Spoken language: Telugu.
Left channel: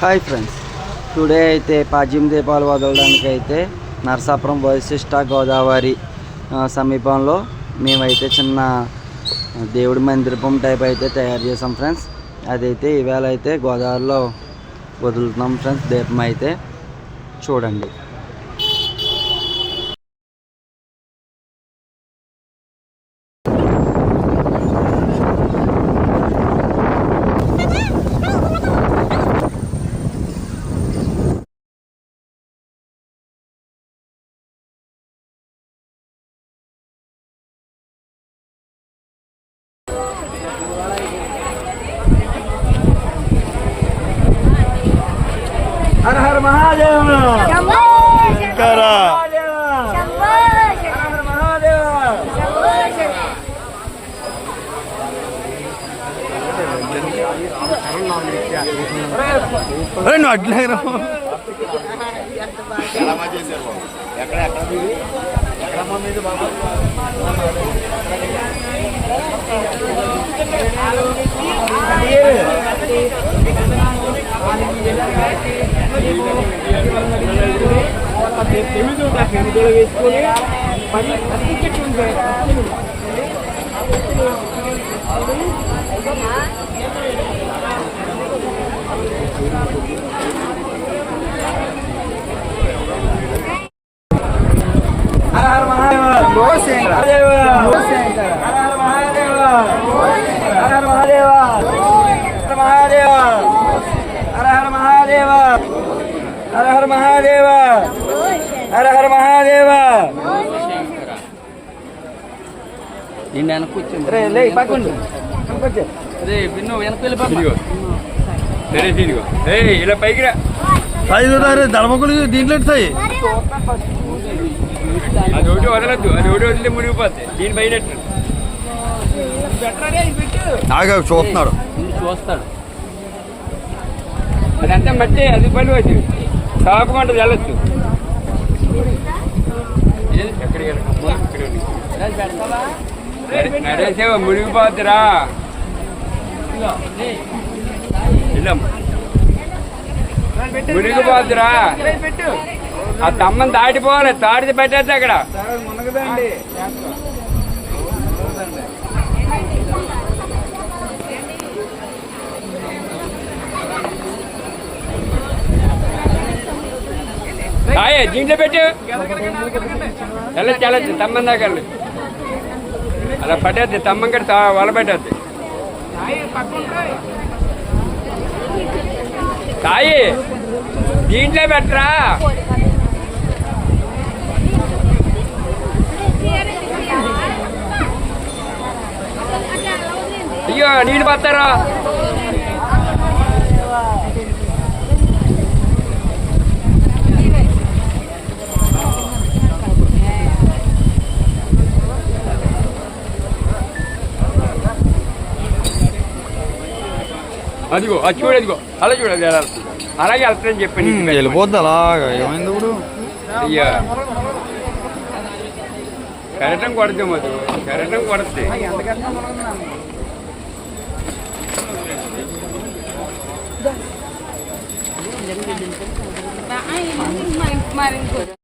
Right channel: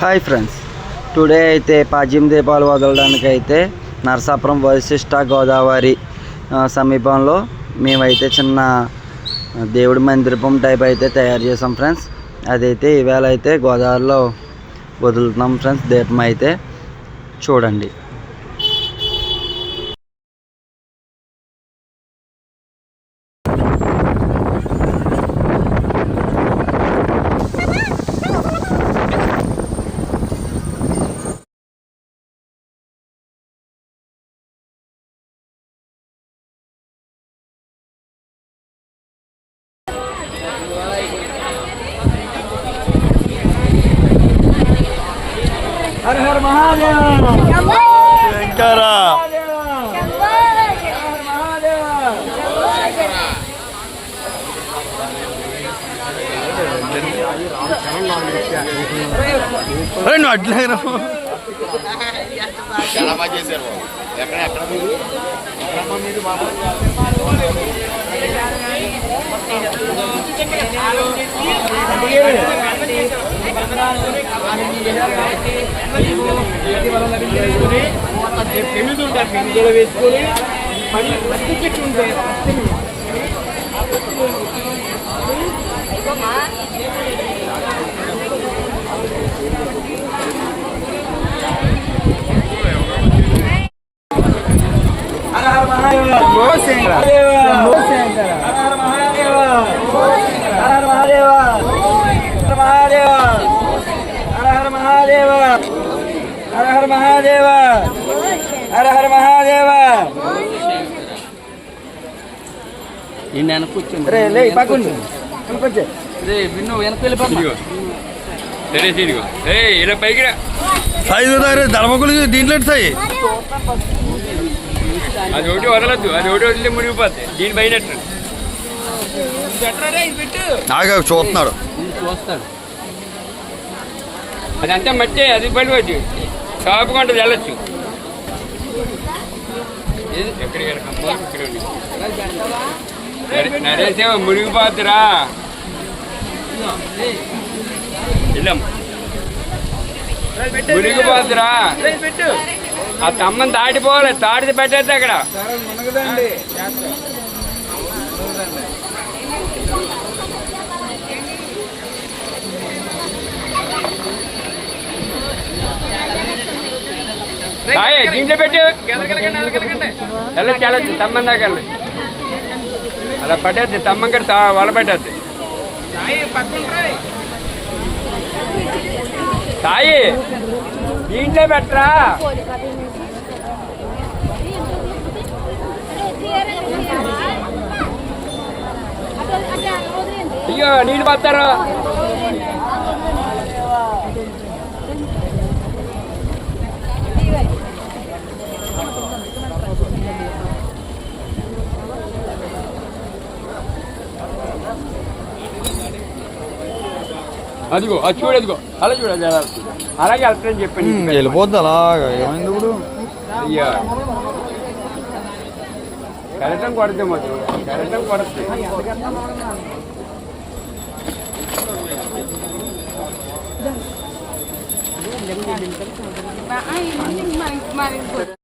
Hi friends. టుడే అయితే పాజ్యం దీపాలు వదలడానికి అయితే నరసాపురం వశిష్ట గోదావరి సమీపంలో మేమైతే చిన్న దేవుడి మందిరపం టైప్ అయితే తయారు చేసాం ఫ్రెండ్స్. అదైతే ఈవేళ అయితే గోదావరిలో వదులుతున్నాం ఫ్రెండ్స్ దీపం అయితే. చూడండి. Har Har Mahadev. Shambhu. Har Har Mahadev. Hei, nggak ada yang ngomong. హర మహాదేవ శంకర అరే నువ్వు అట్లా రా. హర హర మహాదేవ హర హర మహాదేవ హర హర మహాదేవ హర మహాదేవ హర హర మహాదేవ హర హర మహాదేవ హర హర మహాదేవ ఈయన వెనక కూర్చోండి. రే లే పక్కన ఇంకొంచెం రే బిన్ను వెనక వెళ్ళిపోమ్మా. సరే తిరిగి ఏయ్ ఇలా పైకి రా. ఐదు దళమకులు దీంట్లో అది ఒకటి వదలద్దు. అది ఒకటి వదిలితే మునిగిపోద్ది. దీని పైనట్టు నాగా చూస్తున్నాడు. ముందు చూస్తాడు. అదంతా మట్టి అది పడి వచ్చి సాపుగా ఉంటుంది వెళ్ళచ్చు. నరేసేవ మునిగిపోతురా. మునిగిపోతురా. ఆ తమ్మని దాటిపోవాలి తాడిది పెట్టద్దు అక్కడ దీంట్లో పెట్టు వెళ్ళచ్చు వెళ్ళచ్చు తమ్మం దాకా వెళ్ళచ్చు అలా పట్టేద్ది తమ్మం కూడా వల పెట్టద్ది. సాయి దీంట్లో పెట్టరా? అయ్యో నీళ్ళు పడతారా అదిగో అది చూడు అదిగో అలా చూడాలి అలా వెళ్తుంది. అలాగే వెళ్తానని చెప్పండి వెళ్ళిపోద్ది అలాగా ఏమైంది ఇప్పుడు అయ్యా కరెక్టం కొడద్దు మధు కరెక్టం కొడద్ది ko.